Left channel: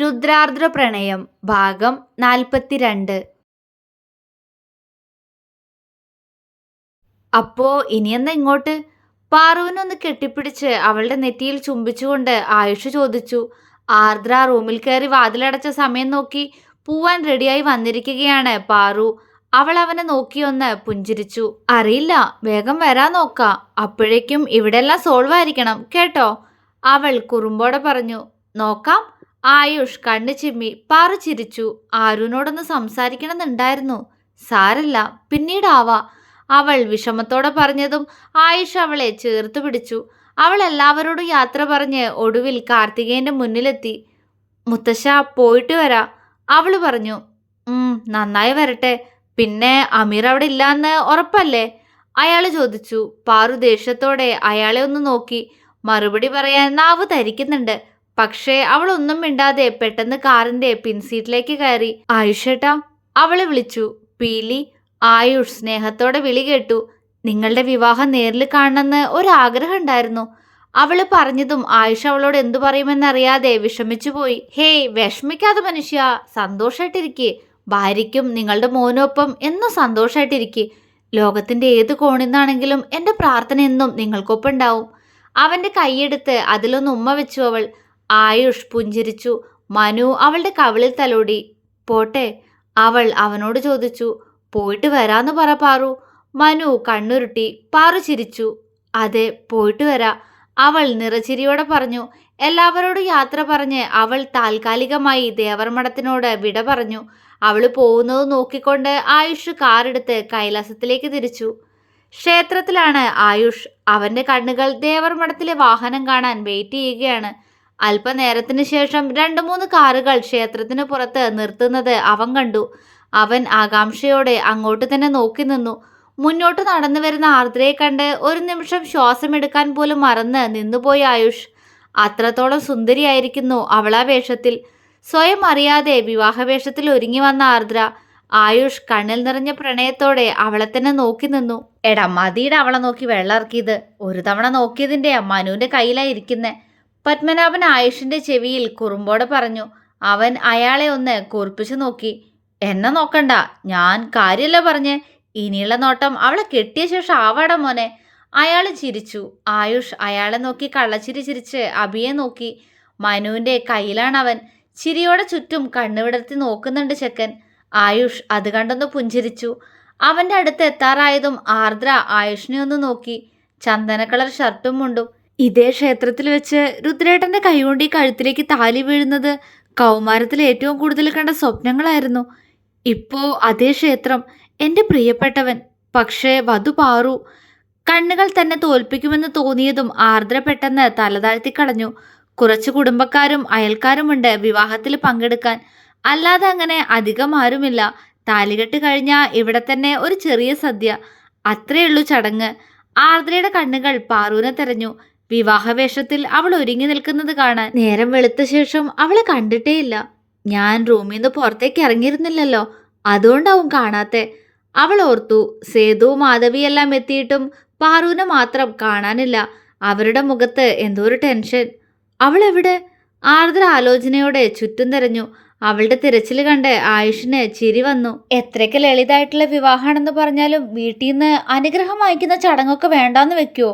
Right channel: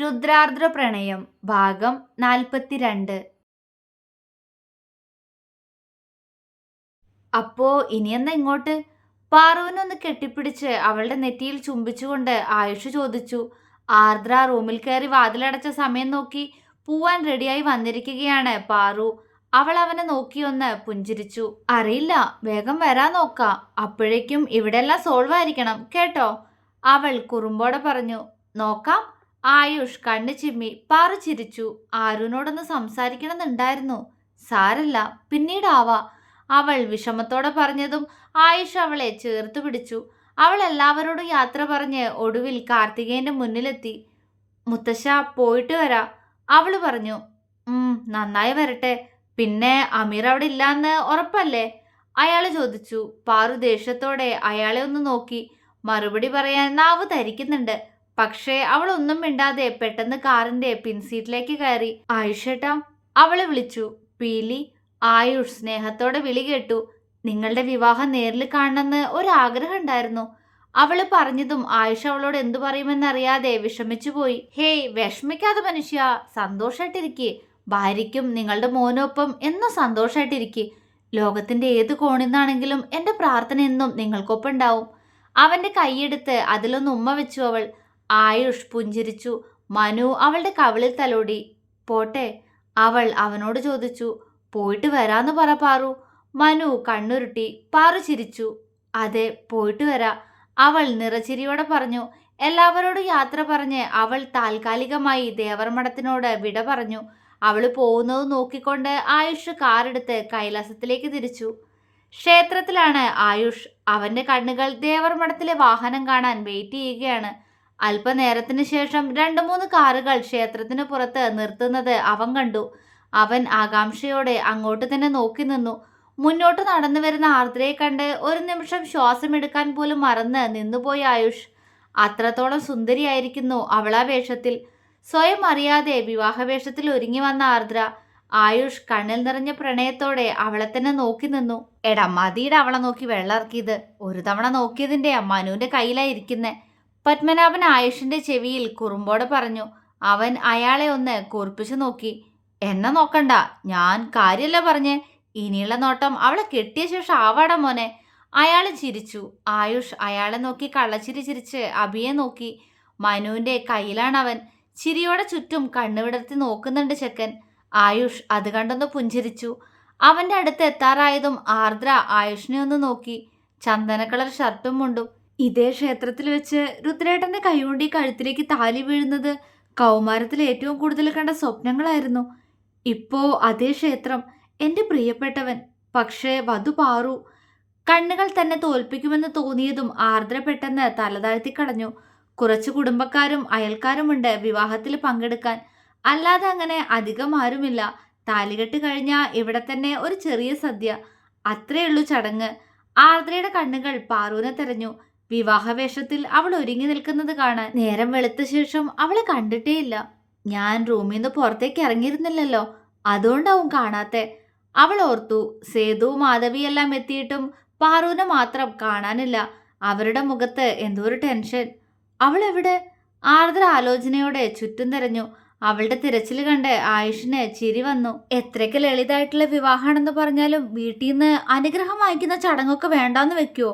രുദ്രാർദ്ര പ്രണയം ഭാഗം നാൽപ്പത്തിരണ്ട്. അപ്പോ ഇനിയെന്ന ഇങ്ങോട്ട്? പാറുവിനൊന്ന് കെട്ടിപ്പിടിച്ച് അവളുടെ നെറ്റിയിൽ ചുംബിച്ചുകൊണ്ട് ആയുഷ് ചോദിച്ചു. ആർദ്ര റൂമിൽ കയറി വാതിലടച്ച സമയം നോക്കി പൂവാൻ റെഡിയായി വന്നിരിക്കുകയാണ് പാറു. അവൾ അവനെ നോക്കിയൊന്ന് പുഞ്ചിരിച്ചു. അറിയില്ല വേഗം വരാൻ നോക്കാം. അപ്പോഴേക്കും ഇവിടെല്ലാം സോൾവ് ആയിരിക്കണം കേട്ടോ? അവൾ കുറുമ്പോടെ പറഞ്ഞു. നോക്കാം ആയുഷ് കണ്ണു ചിമ്മി പാറു ചിരിച്ചു ആരുനോടൊന്ന് സംസാരിക്കണമെന്നുണ്ടായിരുന്നു. സാരല്ല പിന്നീടാവാ. അവൾ വിഷമത്തോടെ പറഞ്ഞതും ആയുഷ് അവളെ ചേർത്ത് പിടിച്ചു. അവൾ എല്ലാവരോടും യാത്ര പറഞ്ഞ് ഒടുവിൽ കാർത്തികേയന്റെ മുന്നിലെത്തി. മുത്തശ്ശ പോയിട്ട് വരാ. അവൾ പറഞ്ഞു. നന്നായി വരട്ടെ. പിന്നെ അമീർ അവിടെ ഇല്ലാന്ന് ഉറപ്പല്ലേ? അയാൾ ചോദിച്ചു. പാറു ദേഷ്യത്തോടെ അയാളെ ഒന്ന് നോക്കി. മറുപടി പറയാൻ നാവ് ധരിക്കുന്നുണ്ട്. പക്ഷേ അവൾ ഒന്നും മിണ്ടാതെ പെട്ടെന്ന് കാറിന്റെ പിൻസീറ്റിലേക്ക് കയറി. ആയുഷേട്ടാ അവളെ വിളിച്ചു. പീലി ആയുഷ് സ്നേഹത്തോടെ വിളി കേട്ടു. നിങ്ങളുടെ വിവാഹം നേരിൽ കാണണമെന്ന് ഒരാഗ്രഹം ഉണ്ടായിരുന്നു. അവൾ പറഞ്ഞതും ആയുഷ് അവളോട് എന്തു പറയുമെന്നറിയാതെ വിഷമിച്ചു പോയി. ഹേയ് വിഷമിക്കാതെ മനുഷ്യ സന്തോഷായിട്ടിരിക്കെ. ഭാര്യയ്ക്കും നിങ്ങളുടെ മോനൊപ്പം എന്നും സന്തോഷമായിട്ടിരിക്കെ ലോകത്തിന്റെ ഏത് കോണിന്നാണെങ്കിലും എന്റെ പ്രാർത്ഥന എന്നും നിങ്ങൾക്കൊപ്പം ഉണ്ടാവും അവന്റെ കൈയെടുത്ത് അതിലൊന്ന് ഉമ്മ വെച്ചു അവൾ. ആയുഷ് പുഞ്ചിരിച്ചു. മനു അവളുടെ കവിളിൽ തലോടി. പോട്ടെ അവൾ അവനോട് ചോദിച്ചു. പോയിട്ട് വരാന്ന് പറ പാറു. മനു കണ്ണുരുട്ടി. പാറു ചിരിച്ചു. അതെ പോയിട്ട് വരാ. അവൾ നിറച്ചിരിയോടെ പറഞ്ഞു. എല്ലാവരോടും യാത്ര പറഞ്ഞ് അവൾ താൽക്കാലികമായി ദേവർമഠത്തിനോട് വിട പറഞ്ഞു. അവൾ പോകുന്നത് നോക്കിക്കൊണ്ട് ആയുഷ് കാറെടുത്ത് കൈലാസത്തിലേക്ക് തിരിച്ചു. ക്ഷേത്രത്തിലാണ് ആയുഷ്. അവന്റെ കണ്ണുകൾ ദേവർമഠത്തിലെ വാഹനം കാണാൻ വെയിറ്റ് ചെയ്യുകയാണ്. അല്പനേരത്തിന് ശേഷം രണ്ട് മൂന്ന് കാറുകൾ ക്ഷേത്രത്തിന് പുറത്ത് നിർത്തുന്നത് അവൻ കണ്ടു. അവൻ ആകാംക്ഷയോടെ അങ്ങോട്ട് തന്നെ നോക്കി നിന്നു. മുന്നോട്ട് നടന്നു വരുന്ന ആർദ്രയെ കണ്ട് ഒരു നിമിഷം ശ്വാസമെടുക്കാൻ പോലും മറന്ന് നിന്നുപോയി ആയുഷ്. അത്രത്തോളം സുന്ദരിയായിരിക്കുന്നു അവളാ വേഷത്തിൽ. സ്വയം അറിയാതെ വിവാഹവേഷത്തിൽ ഒരുങ്ങി വന്ന ആർദ്ര ആയുഷ് കണ്ണിൽ നിറഞ്ഞ പ്രണയത്തോടെ അവളെ തന്നെ നോക്കി നിന്നു. എടാ മതിയുടെ അവളെ നോക്കി വെള്ളം ഇറക്കിയത് ഒരു തവണ നോക്കിയതിന്റെ മനുവിന്റെ കയ്യിലായിരിക്കുന്നേ പത്മനാഭൻ ആയുഷിന്റെ ചെവിയിൽ കുറുമ്പോടെ പറഞ്ഞു അവൻ അയാളെ ഒന്ന് കൂർപ്പിച്ചു നോക്കി. എന്നെ നോക്കണ്ട. ഞാൻ കാര്യമല്ല പറഞ്ഞ്. ഇനിയുള്ള നോട്ടം അവളെ കെട്ടിയ ശേഷം ആവാടാ മോനെ. അയാൾ ചിരിച്ചു. ആയുഷ് അയാളെ നോക്കി കള്ളച്ചിരി ചിരിച്ച് അഭിയെ നോക്കി. മനുവിന്റെ അവൻ ചിരിയോടെ ചുറ്റും കണ്ണുവിടർത്തി നോക്കുന്നുണ്ട് ചെക്കൻ. ആയുഷ് അത് കണ്ടൊന്ന് പുഞ്ചിരിച്ചു. അവന്റെ അടുത്ത് എത്താറായതും ആർദ്ര ആയുഷിനെ ഒന്ന് നോക്കി. ചന്ദന കളർ ഷർട്ടും മുണ്ടും. ഇതേ ക്ഷേത്രത്തിൽ വെച്ച് രുദ്രേട്ടന്റെ കൈകൊണ്ട് ഈ കഴുത്തിലേക്ക് താലി വീഴുന്നത് കൗമാരത്തിൽ ഏറ്റവും കൂടുതൽ കണ്ട സ്വപ്നങ്ങളായിരുന്നു. ഇപ്പോ അതേ ക്ഷേത്രം എന്റെ പ്രിയപ്പെട്ടവൻ പക്ഷേ വധു പാറു. കണ്ണുകൾ തന്നെ തോൽപ്പിക്കുമെന്ന് തോന്നിയതും ആർദ്ര പെട്ടെന്ന് തലതാഴ്ത്തി കളഞ്ഞു കുറച്ച് കുടുംബക്കാരും അയൽക്കാരുമുണ്ട് വിവാഹത്തിൽ പങ്കെടുക്കാൻ. അല്ലാതെ അങ്ങനെ അധികം ആരുമില്ല. താലികെട്ട് കഴിഞ്ഞാൽ ഇവിടെ തന്നെ ഒരു ചെറിയ സദ്യ. അത്രയുള്ളൂ ചടങ്ങ്. ആർദ്രയുടെ കണ്ണുകൾ പാറുവിനെ തെരഞ്ഞു. വിവാഹവേഷത്തിൽ അവൾ ഒരുങ്ങി നിൽക്കുന്നത് കാണാൻ നേരം വെളുത്ത ശേഷം അവളെ കണ്ടിട്ടേയില്ല. ഞാൻ റൂമിൽ നിന്ന് പുറത്തേക്ക് ഇറങ്ങിയിരുന്നില്ലല്ലോ. അതുകൊണ്ടാവും കാണാത്തെ. അവൾ ഓർത്തു സേതു മാധവിയെല്ലാം എത്തിയിട്ടും പാറുവിനെ മാത്രം കാണാനില്ല. അവരുടെ മുഖത്ത് എന്തോ ഒരു ടെൻഷൻ. അവൾ എവിടെ? ആർദ്ര ആലോചനയോടെ ചുറ്റും തിരഞ്ഞു. അവളുടെ തിരച്ചിൽ കണ്ട് ആയുഷിന് ചിരി വന്നു. എത്രയ്ക്ക് ലളിതായിട്ടുള്ള വിവാഹമാണെന്ന് പറഞ്ഞാലും വീട്ടിൽ നിന്ന് അനുഗ്രഹം വാങ്ങിക്കുന്ന ചടങ്ങൊക്കെ വേണ്ടാന്ന് വെക്കുവോ?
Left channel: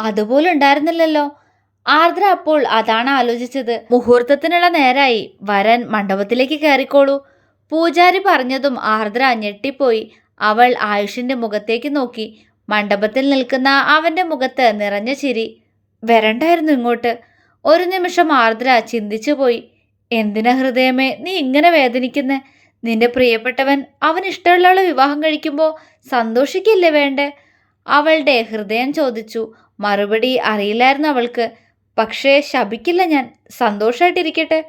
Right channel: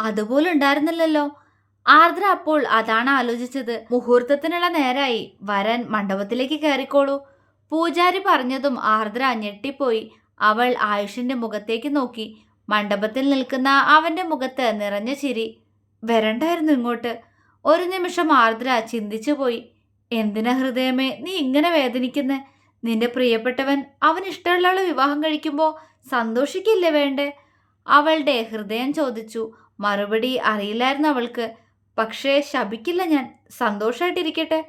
അതുപോലും ഉണ്ടായിരുന്നില്ലല്ലോ ആർദ്ര അപ്പോൾ അതാണ് ആലോചിച്ചത്. മുഹൂർത്തത്തിനുള്ള നേരായി വരൻ മണ്ഡപത്തിലേക്ക് കയറിക്കോളൂ. പൂജാരി പറഞ്ഞതും ആർദ്ര ഞെട്ടിപ്പോയി. അവൾ ആയുഷിന്റെ മുഖത്തേക്ക് നോക്കി. മണ്ഡപത്തിൽ നിൽക്കുന്ന അവന്റെ മുഖത്ത് നിറഞ്ഞ ചിരി. വരണ്ടായിരുന്നു ഇങ്ങോട്ട്. ഒരു നിമിഷം ആർദ്ര ചിന്തിച്ചു പോയി. എന്തിനാ ഹൃദയമേ നീ ഇങ്ങനെ വേദനിക്കുന്നേ? നിന്റെ പ്രിയപ്പെട്ടവൻ അവൻ ഇഷ്ടമുള്ള വിവാഹം കഴിക്കുമ്പോൾ സന്തോഷിക്കില്ലേ വേണ്ടേ? അവളുടെ ഹൃദയം ചോദിച്ചു. മറുപടി അറിയില്ലായിരുന്നു അവൾക്ക്. പക്ഷേ ശപിക്കില്ല ഞാൻ. സന്തോഷമായിട്ടിരിക്കട്ടെ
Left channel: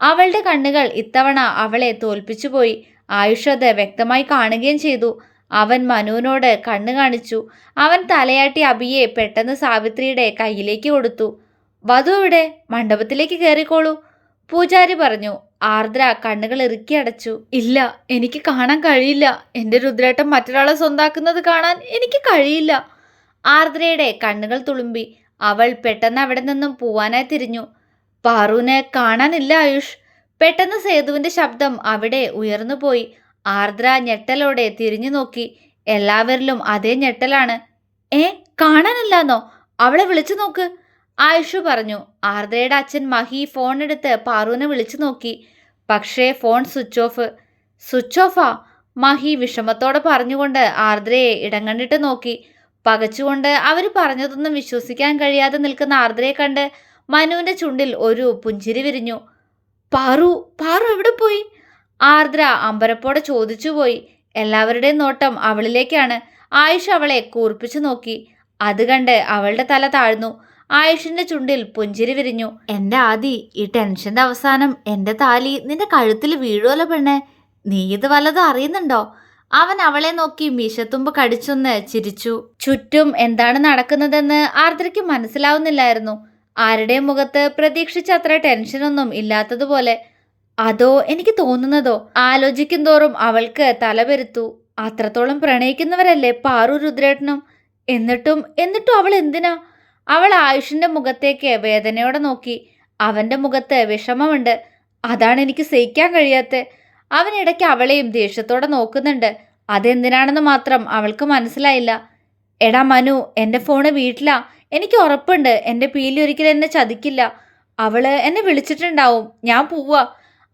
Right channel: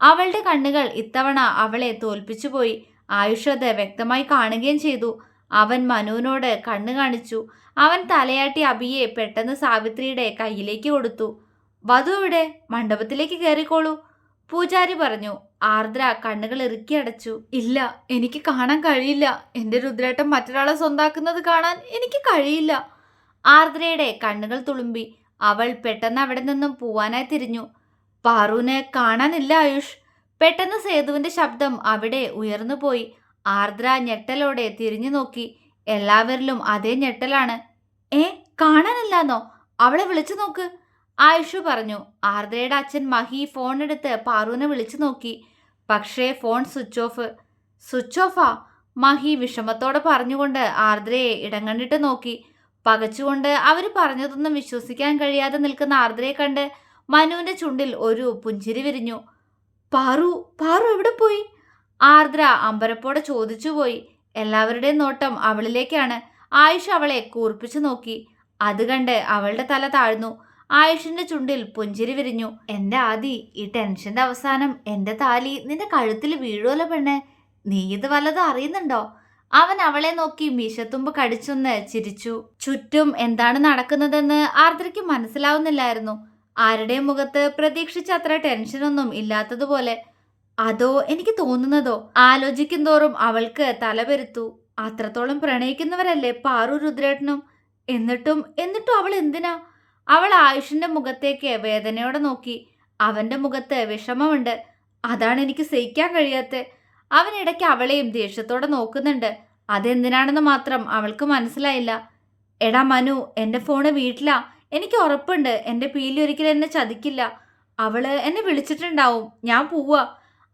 അവളുടെ കണ്ണുകൾ ഇത്തവണ അവളെ തോൽപ്പിച്ചുപോയി. ആയുഷ് അത് വ്യക്തമായി കാണുകയും ചെയ്തു. അവൻ മനുവിനോട് കണ്ണു കാണിച്ചു. അവൻ തലയാട്ടി അബിയെ പെട്ടെന്ന് സാവിത്രിയുടെ കയ്യിലേക്ക് കൊടുത്തു. വധു ഇവിടെ മണ്ഡപത്തിലേക്ക് കയറിക്കോളൂ. പൂജാരി പറഞ്ഞു. ആർദ്ര കണ്ണുകൾ ഇറുക്കി അടച്ചു. ഇല്ല എനിക്ക് കാണാൻ കഴിയില്ല. എന്റെ രുദ്രേട്ടം മറ്റൊരാളെ സ്വന്താക്കുന്നത് കാണാൻ എനിക്ക് കഴിയില്ല. ആർദ്രയുടെ കണ്ണുകൾ തുളുമ്പി. അവൾ പെട്ടെന്ന് അവിടെ നിന്നും പോവാനായി തിരിഞ്ഞു. പാറുവിനെ കാണാനില്ല ആയുഷ്. പെട്ടെന്ന് സേതുവിന്റെ ശബ്ദം അവിടെ ഉയർന്നുപോയി ആർദ്ര ഞെട്ടലോടെ തിരിഞ്ഞു നോക്കി. എല്ലാവരിലും അതേ ഞെട്ടലാണ്. ഏ കാണാനില്ലാന്നോ? അവളെ വിളിച്ചു നോക്ക്. ആയുഷ് പറഞ്ഞു. ആർദ്രയുടെ അച്ഛൻ മഹി ഫോൺ എടുത്ത് പാറുവിനെ വിളിച്ചു നോക്കി. പക്ഷേ ഫോൺ സ്വിച്ച് ഓഫ്. സ്വിച്ച് ഓഫാ? മഹി വിഷമത്തോടെ പറഞ്ഞുകൊണ്ട് ആർദ്രയെ ഇടം കണ്ടിട്ട് നോക്കി. പകച്ചുകൊണ്ട് അവർ പറഞ്ഞതൊന്നും വിശ്വസിക്കാൻ കഴിയാതെ നിൽക്കുന്ന ആർദ്രയെ കണ്ട് മനുവിന്റെ ചുണ്ടിൽ ഒരു പുഞ്ചിരി വിരിഞ്ഞു. പാറു പാറു എവിടെ പോയി? ആർദ്ര അമ്പരപ്പോടെ ചോദിച്ചുപോയി. എല്ലാവരുടെയും നോട്ടം അവളിലേക്കാണ്. ആയുഷ് അവളെ കൂർപ്പിച്ചു നോക്കി. അത് കണ്ട് അവളുടെ തല താഴ്ന്നു. ആയുഷിന്റെ ചുണ്ടിൽ പുഞ്ചിരി വിരിഞ്ഞു. എന്റെ ആദി ഈ ടെൻഷന്റെ അവസാനം എന്റെ താലി നിന്റെ കഴുത്തിൽ വീഴുമല്ലോ പെണ്ണെ. നീ ഇത് വല്ലതും അറിയുന്നുണ്ടോ? അവൻ അവളെ നോക്കി മീശത്തുമ്പ് കടിച്ചൊന്ന് ചിരിച്ചു. ചുറ്റും എന്താണ് നടക്കുന്നതെന്ന് ആർദ്രയ്ക്ക് മനസ്സിലാവുന്നില്ലായിരുന്നു. ആരുടെയും മുഖത്ത് പ്രതീക്ഷിച്ച അത്ര ടെൻഷനൊന്നും ഇല്ലാത്തതുപോലെ. അതോ എനിക്ക് തോന്നുന്നതോ? ആലോചിക്കും തോറും അവൾക്ക് തലപെരുത്തു അത്രത്തോളം പ്രണയിക്കുന്നവരല്ലേ പാറു രുദ്രേട്ടനും? എന്നിട്ടും എന്നിട്ടും അവൾ എന്തിനാ? അവൾ ആയുഷിന്റെ മുഖത്തേക്ക് വേദനയോടെ നോക്കി. അവന്റെ മുഖത്ത് വിഷമമുണ്ട്. അതാണ് എനിക്ക് സഹിക്കാൻ കഴിയാത്ത. അവൻ ഇടയ്ക്ക് അവളെയും ദേഷ്യത്തോടെ നോക്കുന്നുണ്ട്. അതെന്തിനാണെന്ന് മാത്രം അവൾക്ക് മനസ്സിലായില്ല. എടാ മനു എന്റെ ഫോണ് വീട്ടിലാ. എനിക്ക് ഉറപ്പുണ്ട്. എന്റെ പീലി ഒരിക്കലും എന്നെ ചതിക്കില്ല. അവൾ എന്നെ വിളിച്ചിട്ടുണ്ടാവും. ഞാൻ പോവാ.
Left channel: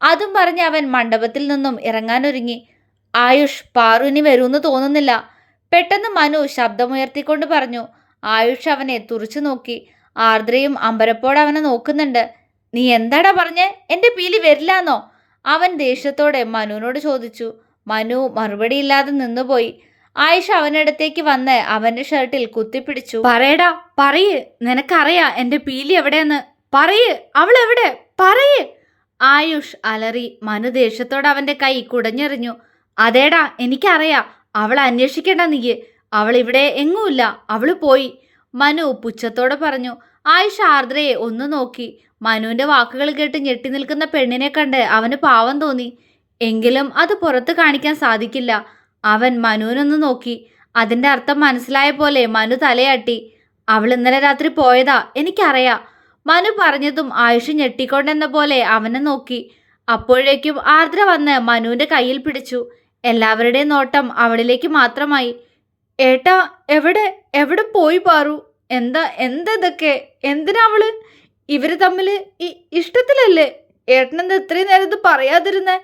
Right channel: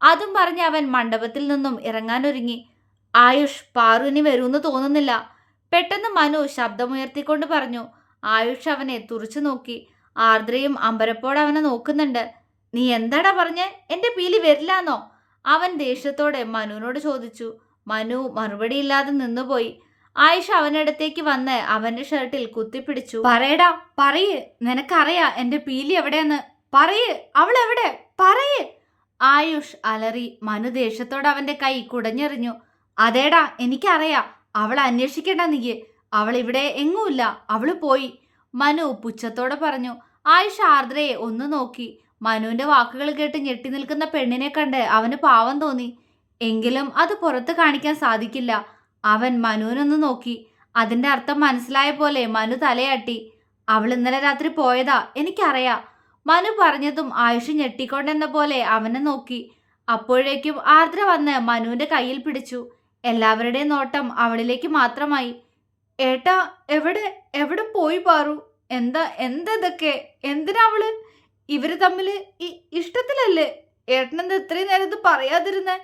അതും പറഞ്ഞ് അവൻ മണ്ഡപത്തിൽ നിന്നും ഇറങ്ങാനൊരുങ്ങി. ആയുഷ് പാറുവിനി വരുമെന്ന് തോന്നുന്നില്ല. പെട്ടെന്ന് മനു ശബ്ദമുയർത്തിക്കൊണ്ട് പറഞ്ഞു. ആയുഷ് അവനെ തുറച്ചു നോക്കി. ആർദ്രയും അമ്പരപ്പോടെ അവനെ നോക്കുന്നുണ്ട്. നീ എന്താടാ പറഞ്ഞേ? എന്റെ പീലി വരില്ലാന്നോ? അവൻ ദേഷ്യത്തോടെ മനുവിനോട് ചോദിച്ചു മനു മറുപടിയില്ലാതെ നിന്നുപോയി. ആയിഷ അവനടുത്തേക്ക് വന്ന് അവന്റെ ഷർട്ടിൽ കുത്തിപ്പിടിച്ചു. പറയടാ പറയ്. നിനക്കറിയാ എന്റെ പീലി എവിടെയെന്ന്. പറയ്. അവൾ എവിടെ? പറയ്. ആയുഷ് അലറി മനു ദേഷ്യത്തോടെ അവന്റെ കൈ കുടഞ്ഞെറിഞ്ഞു. അതേടാ എനിക്കറിയാ. അവൾ അന്വേഷിക്കേണ്ട നീ. അവൾ ഇവിടെ എങ്ങുമില്ല. അവൾ പോയി. മനു പുച്ഛത്തോടെ പറഞ്ഞു. ആയുഷ് ആർദ്രയെ ഒന്ന് നോക്കി. മനുവിന്റെ വാക്കുകൾ കേട്ട് ഞെട്ടി നിൽക്കുന്ന പെണ്ണിനെ കണ്ട് അവന് പാവം തോന്നി. എങ്കിലും അത് പുറത്ത് കാണിക്കാൻ സാധിക്കില്ല. അവൻ മനുവിനൊന്ന് നോക്കി. അതിന്റെ അർത്ഥം മനസ്സിലായ പോലെ മനു തലയാട്ടി. അവൾ ഇന്നലെ രാത്രി പോയതാ എനിക്കറിയാം. മനു പറഞ്ഞതും ആയുഷ് ഞെട്ടിക്കൊണ്ടെന്ന പോലെ അവനെ നോക്കി. അപ്പോഴേക്കും ആർദ്ര വന്ന് മനുവിന്റെ കയ്യിൽ പിടിച്ചു. എല്ലാവരുടെയും നോട്ടം അവളിലേക്ക് മാത്രമായി. ഏട്ടാ എവിടെ എവിടെ പോയി പാറു? എന്താ എന്താ ഇതൊക്കെ? എന്തിനാ അവൾ? ഇവർ തമ്മിൽ ഇഷ്ടത്തിലല്ലേ? ഏട്ടനെന്താ ഇത്രയും നേരം ഇത് പറയാതിരുന്നേ?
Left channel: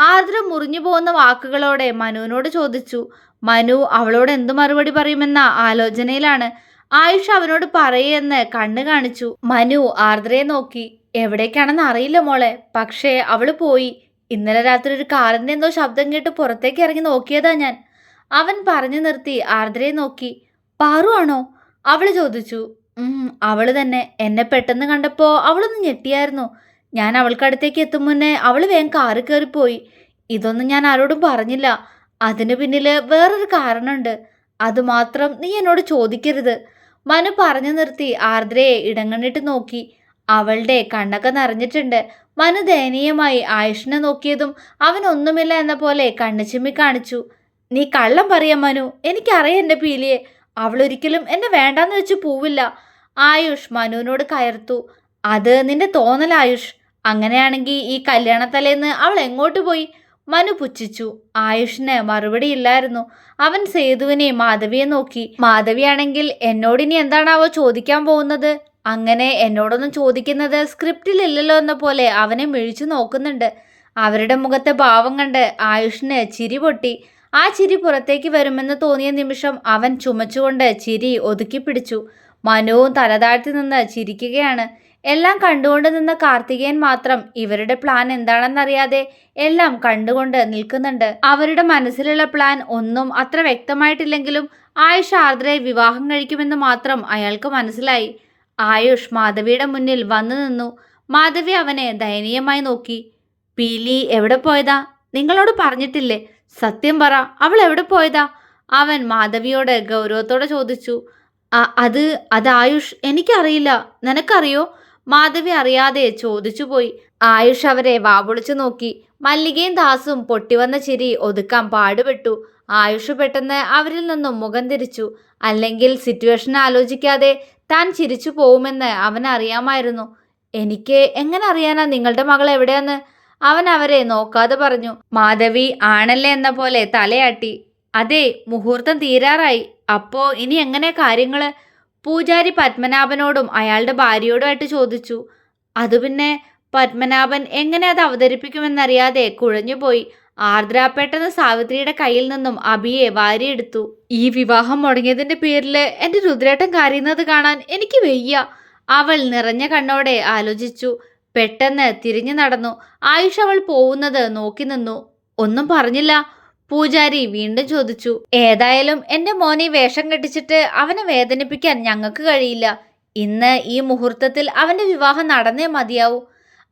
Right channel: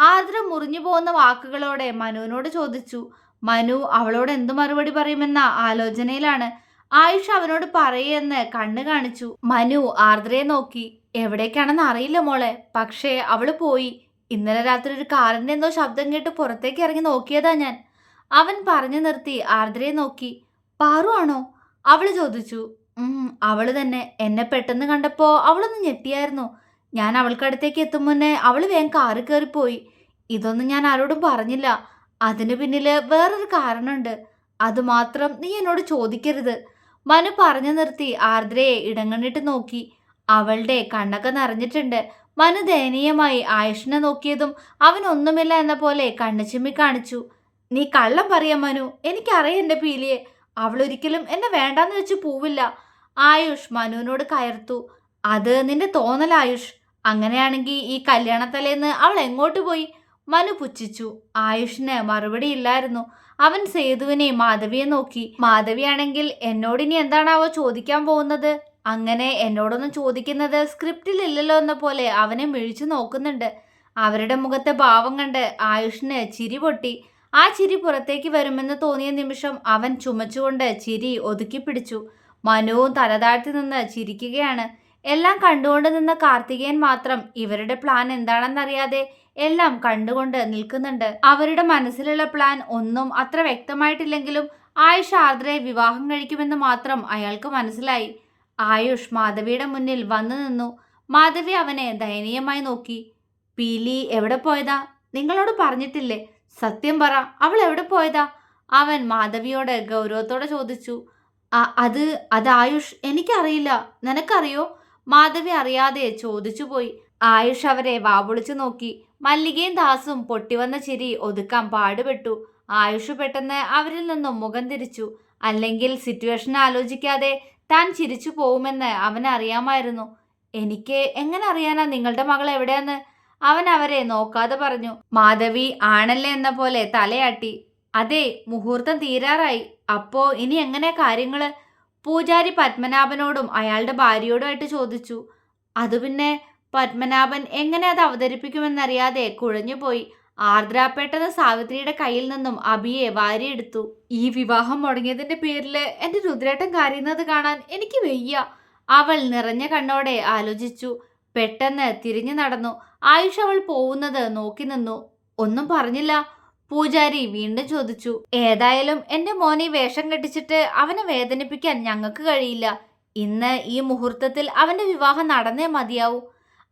ആർദ്ര മുറിഞ്ഞു പോകുന്ന വാക്കുകളോടെ മനുവിനോട് ചോദിച്ചു. മനു അവളോട് എന്തു മറുപടി പറയുമെന്ന ആലോചനയിലാണ് ആയുഷ് അവനോട് പറയെന്ന് കണ്ണു കാണിച്ചു. മനു ആർദ്രയെ നോക്കി. എവിടേക്കാണെന്ന് അറിയില്ല മോളെ. പക്ഷേ അവൾ പോയി. ഇന്നലെ രാത്രി ഒരു കാറിന്റെ എന്തോ ശബ്ദം കേട്ട് പുറത്തേക്ക് ഇറങ്ങി നോക്കിയതാ ഞാൻ. അവൻ പറഞ്ഞു നിർത്തി ആർദ്രയെ നോക്കി. പാറു ആണോ? അവൾ ചോദിച്ചു. ഉം അവൾ തന്നെ എന്നെ പെട്ടെന്ന് കണ്ടപ്പോ അവളൊന്ന് ഞെട്ടിയായിരുന്നു. ഞാൻ അവൾക്കടുത്തേക്ക് എത്തും മുന്നേ അവൾ വേഗം കാറി കയറിപ്പോയി. ഇതൊന്നും ഞാൻ ആരോടും പറഞ്ഞില്ല. അതിന് പിന്നിൽ വേറൊരു കാരണമുണ്ട്. അതുമാത്രം നീ എന്നോട് ചോദിക്കരുത്. മനു പറഞ്ഞു നിർത്തി ആർദ്രയെ ഇടങ്ങണിട്ട് നോക്കി. അവളുടെ കണ്ണൊക്കെ നിറഞ്ഞിട്ടുണ്ട്. മനു ദയനീയമായി ആയുഷിനെ നോക്കിയതും അവനൊന്നുമില്ല എന്ന പോലെ കണ്ണു ചിമ്മി കാണിച്ചു. നീ കള്ളം പറയാം മനു. എനിക്കറിയാം എന്റെ പീലിയെ. അവളൊരിക്കലും എന്നെ വേണ്ടാന്ന് വെച്ച് പോവില്ല. ആയുഷ് മനുവിനോട് കയർത്തു. അത് നിന്റെ തോന്നൽ ആയുഷ്. അങ്ങനെയാണെങ്കിൽ ഈ കല്യാണത്തലേന്ന് അവൾ എങ്ങോട്ട് പോയി? മനു പുച്ഛിച്ചു. ആയുഷിന് മറുപടി ഇല്ലായിരുന്നു. അവൻ സേതുവിനെ മാധവിയെ നോക്കി. മാധവിയാണെങ്കിൽ എന്നോടിനി എന്താണാവോ ചോദിക്കാൻ പോകുന്നത്? അങ്ങനെ എന്നോടൊന്നും ചോദിക്കുന്നത് സ്ക്രിപ്റ്റിലില്ലല്ലോ എന്ന പോലെ അവനെ മിഴിച്ചു നോക്കുന്നുണ്ട്. അവരുടെ മുഖത്തെ ഭാവം കണ്ട് ആയുഷിന് ചിരി പൊട്ടി. ആ ചിരി പുറത്തേക്ക് വരുമെന്ന് തോന്നിയ നിമിഷം അവൻ ചുമച്ചുകൊണ്ട് ചിരി ഒതുക്കി പിടിച്ചു. മനുവും തലതാഴ്ത്തി നിന്ന് ചിരിക്കുകയാണ്. എല്ലാം കണ്ടുകൊണ്ട് നിന്ന കാർത്തികേയൻ മാത്രം ഇവരുടെ പ്ലാൻ എന്താണെന്നറിയാതെ എല്ലാം കണ്ടുകൊണ്ട് നിൽക്കുന്നുണ്ട്. അവരുടെ മനസ്സിലുള്ള പ്ലാൻ ഒന്നും അത്ര വ്യക്തമായിട്ടില്ലെങ്കിലും ആയുഷ് ആർദ്രയെ വിവാഹം കഴിക്കുമെന്ന് മാത്രം അയാൾക്ക് മനസ്സിലായി. ആയുഷ് മാധവിയുടെ മുന്നിൽ വന്നു നിന്നു. മാധവി അവനെ ദയനീയമായി നോക്കി. പീലി എവിടെ പോയതാ? നിങ്ങളോട് പറഞ്ഞിട്ടില്ലേ. സത്യം പറ അവൾ എവിടെ പോയതാ? അവൻ മാധവിയോട് ഗൗരവത്തോടെ ചോദിച്ചു. അത് അത് ആയുഷ് എനിക്കറിയില്ല. നിനക്കറിയോ? മാധവി അറിയാതെ ചോദിച്ചുപോയി. ആയുഷ് അവരെ വാവൊളിച്ചു നോക്കി. മല്ലികയും ദാസും പൊട്ടിവന്ന ചിരി ഒതുക്കാൻ പാടുപെട്ടു. ആയുഷ് പെട്ടെന്ന് അവരിൽ നിന്നും മുഖം തിരിച്ചു. അല്ലെങ്കിൽ സിറ്റുവേഷൻ ആലോചിക്കാതെ താൻ ചിരിച്ചു പോകുമെന്ന് അവൻ അറിയാമായിരുന്നു. എനിക്ക് എങ്ങനെ അറിയാനാ നിങ്ങളുടെ മകൾ എവിടെയെന്ന്? അവൻ അവരെ നോക്കാതെ പറഞ്ഞു മാധവി ആണല്ലേ എന്ന പോലെ തലയാട്ടി. അതെ മുഹൂർത്തം തീരാറായി. അപ്പോ ഇനി എങ്ങനെ കാര്യങ്ങൾ? പൂജാരി പത്മനാഭനോടും അയാളുടെ ഭാര്യയോടുമായിട്ട് ചോദിച്ചു. അത് പിന്നെ പത്മനാഭൻ എങ്ങനെ അത് അവതരിപ്പിക്കുമെന്നറിയാതെ കുഴഞ്ഞുപോയി. ആർദ്ര സാവിത്രിയുടെ കയ്യിൽ നിന്നും അഭിയെ വാരിയെടുത്തു. ഈ വിവാഹം മുടങ്ങിയതിന്റെ പേരിൽ എന്റെ രുദ്രേട്ടൻ കരയുന്നത് കാണാൻ എനിക്ക് വയ്യ. അവൾ നിറഞ്ഞ കണ്ണോടെ ആലോചിച്ചു. പെട്ടെന്ന് തിരിഞ്ഞു നടന്നു. ആയുഷ് അവൾ പോകുന്നത് നോക്കി നിന്നു. ഒന്നും പറഞ്ഞില്ല. പൂജാരി വീണ്ടും ചോദിച്ചു ഏതായാലും എന്റെ മോനെ വേഷം കെട്ടിച്ചിട്ട് അവനെ വേദനിപ്പിക്കാൻ ഞങ്ങൾക്ക് കഴിയില്ല. ഇന്ന് ഈ മുഹൂർത്തത്തിൽ അവന്റെ വിവാഹം നടന്നേ മതിയാവൂ.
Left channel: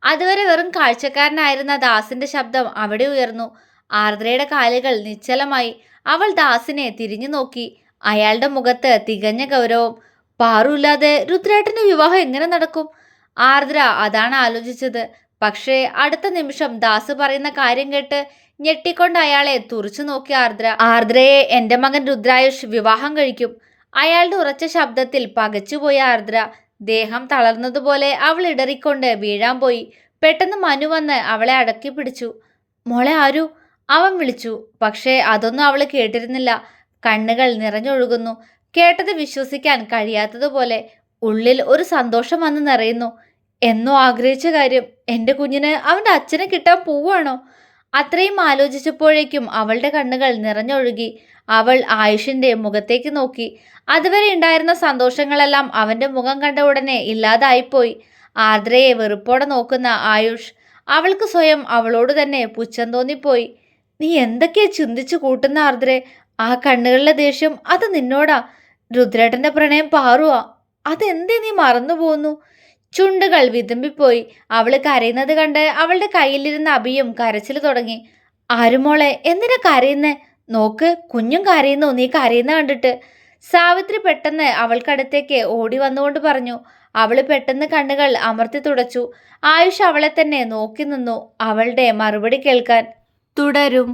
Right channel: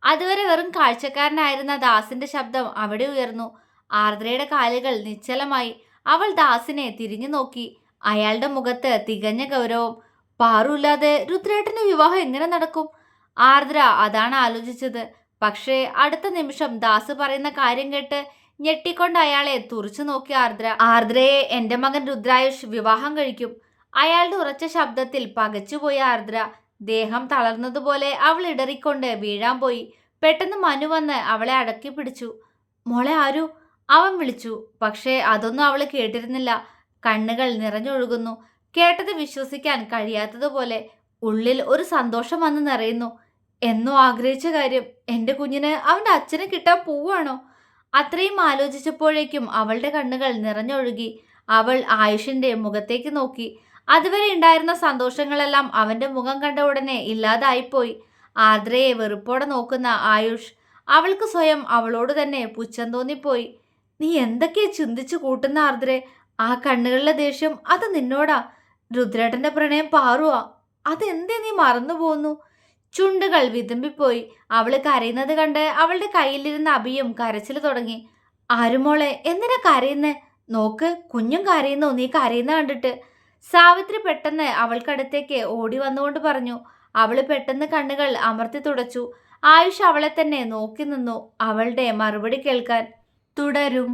അതുവരെ വെറും കാഴ്ചക്കാരനായിരുന്ന ദാസിന്റെ ശബ്ദം അവിടെ ഉയർന്നു. ആർദ്രയുടെ കാലുകൾ നിശ്ചലമായി. അവൾ ദാസിനെ തിരിഞ്ഞു നോക്കി. അയാളുടെ മുഖത്ത് തികഞ്ഞ ഗൗരവം. പാറുമില്ലാതെ രുദ്രേട്ടന്റെ വിവാഹം എങ്ങനെ നടക്കും? ആർദ്ര അതാണ് ആലോചിച്ചത്. പക്ഷേ അടുത്ത നിമിഷം ദാസ് പറയുന്ന കാര്യം കേട്ട് ഞെട്ടിക്കൊണ്ട് അയാളെ തുറച്ചു നോക്കി ആർദ്ര. ആർദ്രയെ എന്റെ മകൻ രുദ്രായുഷ് വിവാഹം കഴിക്കും. അയാളുടെ ഉറച്ച ശബ്ദത്തിൽ പകച്ചുപോയ ആർദ്ര. ദേഹം തളർന്നതുപോലെ അവൾ ഇടറിക്കൊണ്ട് വീഴാൻ പോയി. പെട്ടെന്ന് മനു വന്ന് അവളെ അടക്കി പിടിച്ചു. മോളെ ആരു അവൻ വിളിച്ചു. പക്ഷേ അതൊന്നും അവൾ കേട്ടിരുന്നില്ല. കണ്ണുകൾ നിറഞ്ഞൊഴുകുന്നു. കേട്ടത് വിശ്വസിക്കാൻ കഴിയാത്തതുപോലെ ഉള്ളിൽ ഒരു സന്തോഷം വന്ന് നിറയുന്നു. എന്നോ ആഗ്രഹിച്ച കാര്യം? എന്റെ കുഞ്ഞിന് അവന്റെ അച്ഛനെ കിട്ടാൻ പോവാണോ അത്രയും ആലോചിച്ചപ്പോഴേക്കും അവളുടെ കണ്ണുകൾ നിറഞ്ഞൊഴുകി. അവൾ ആയുഷിന്റെ മുഖത്തേക്ക് നോക്കി. അതുവരെ ഉണ്ടായിരുന്ന സന്തോഷങ്ങളെല്ലാം അവന്റെ മുഖം കണ്ട ഉടനെ ഇല്ലാതായിപ്പോയി. ആർദ്രയെ വെറുപ്പോടെ നോക്കുന്ന ആയുഷ് അവൾക്ക് സ്വയം അവളോട് തന്നെ പുച്ഛം തോന്നിപ്പോയി. നീ എന്തൊക്കെയാ ചിന്തിച്ചു കൂട്ടുന്ന ആർദ്രെ? ആ കണ്ണുകളിലെ ദേഷ്യം അത് നിന്നോടാ. രുദ്രേട്ടന്റെ പ്രണയം പാറുവാ. അതെന്തേ നീ മറന്നു പോന്നു ചുണ്ടുകൾ വിതുമ്പിപ്പോയി. അവൾ കരയുന്നത് കണ്ട് അവളുടെ കയ്യിലിരുന്ന അഭിയും കരച്ചിൽ തുടങ്ങി. ആരുമോളെ എന്തിനാ കരയുന്നേ? നോക്ക് കുഞ്ഞും കരയുന്നു നീ കരയുന്ന കണ്ടിട്ട്. സാവിത്രി പെട്ടെന്ന് അവൾക്കടുത്തേക്ക് ഓടി വന്നുകൊണ്ട് പറഞ്ഞു. അവൾ പെട്ടെന്ന് കണ്ണുകൾ അമർത്തി തുടച്ചു. ആയുഷ് അവളെ തന്നെ നോക്കി നിന്നു അവളുടെ മറുപടി കേൾക്കാൻ. തുടരും.